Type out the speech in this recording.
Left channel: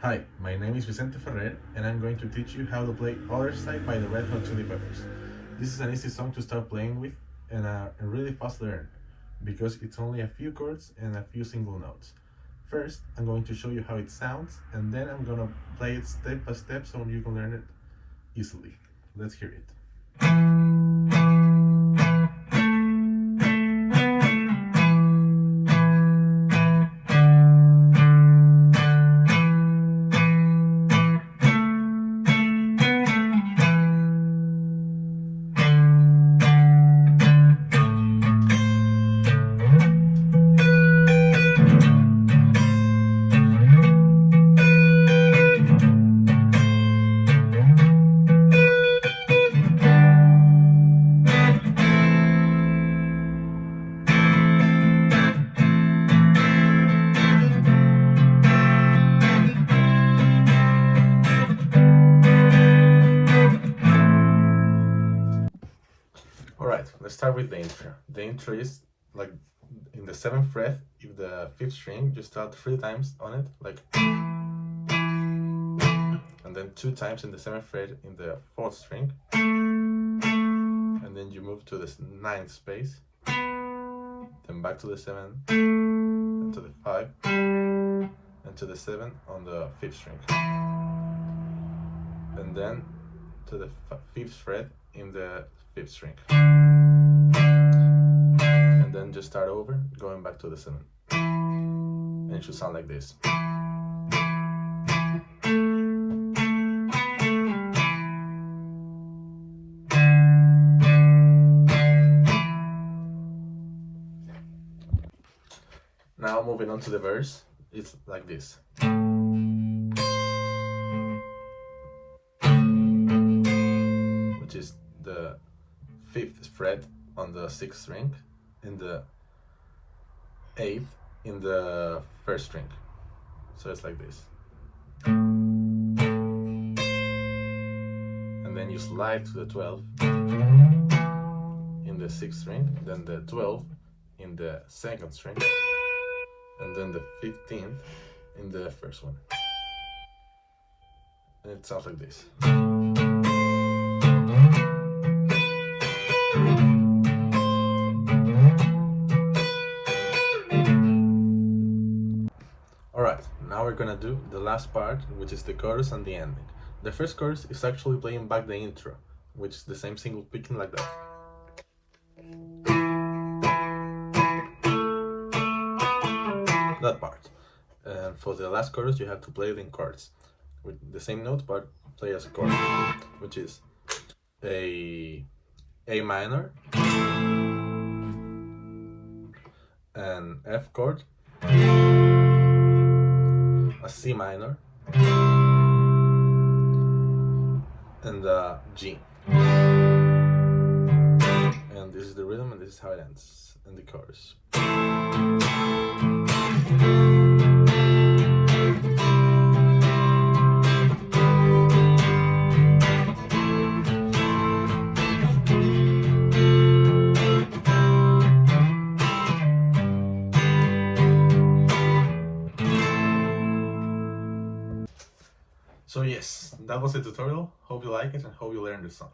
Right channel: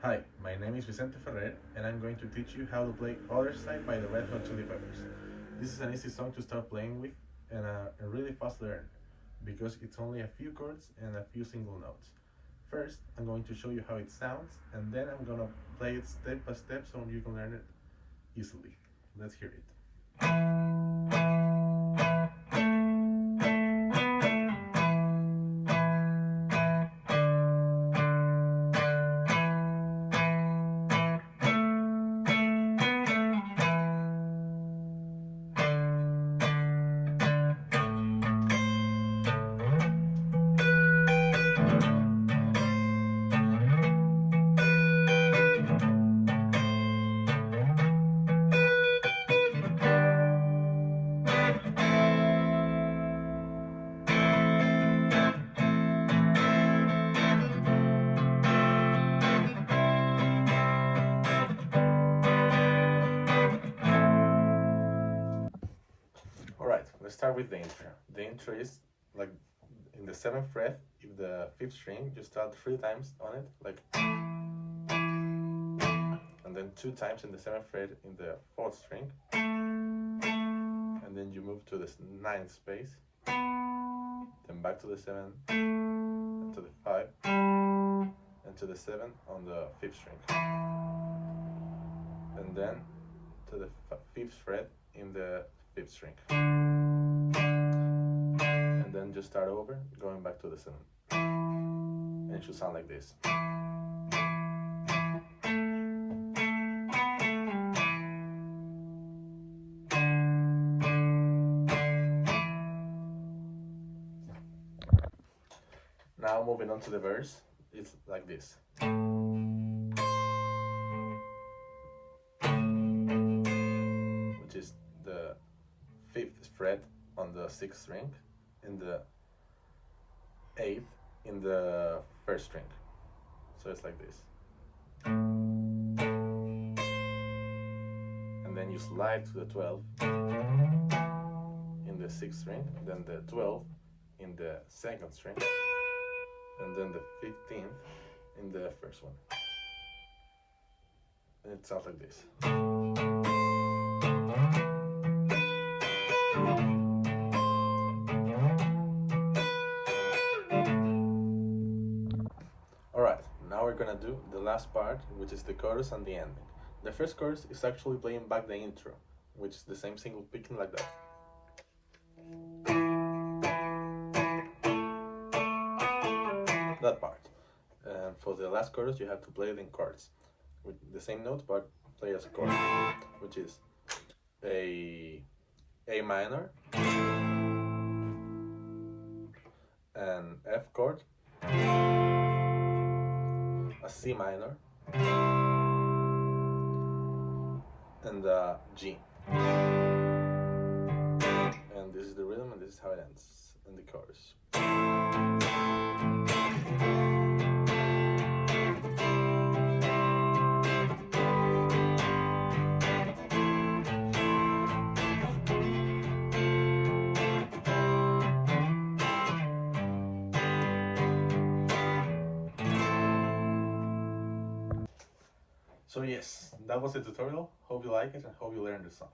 Hi, my name is Vicente Ferrer and I'm going to teach you how to play Otherside by the Red Hot Chili Peppers. This is an easy song to start playing with and a really fast learn because it's only a few chords and a few single notes. First, I'm going to show you how it sounds and then I'm gonna play it step by step so you can learn it easily. Let's hear it. Alright, let's start with the intro. The intro is like in the 7th fret, if the 5th string, you start 3 times on it, like, and then 2 times in the 7th fret in the 4th string, and then you move to the 9th space, then back to the 7, and to the 5, and to the 7 on the 5th string, and then to the 5th fret in the 5th string, and then just start over, going back to the 7, and it should sound like this. Now moving on to the verse, it's like this. Which is the 5th fret on the 6th string, and the 8th in the 1st string. So it's like this. And then you slide to the 12th in the 6th string, then the 12th in the 2nd string, and then the 15th in the 1st one. And it sounds like this. Alright, now we're gonna do the last part, which is the chorus and the ending. The first chorus is actually playing back the intro, which is the same single picking like that. That part. And for the last chorus you have to play it in chords with the same note but play as a chord, which is a minor, an F chord, a C minor, and a G. And this is the rhythm and this is how it ends in the chorus. So yes, that was the tutorial. Hope you like it and hope you learned the song.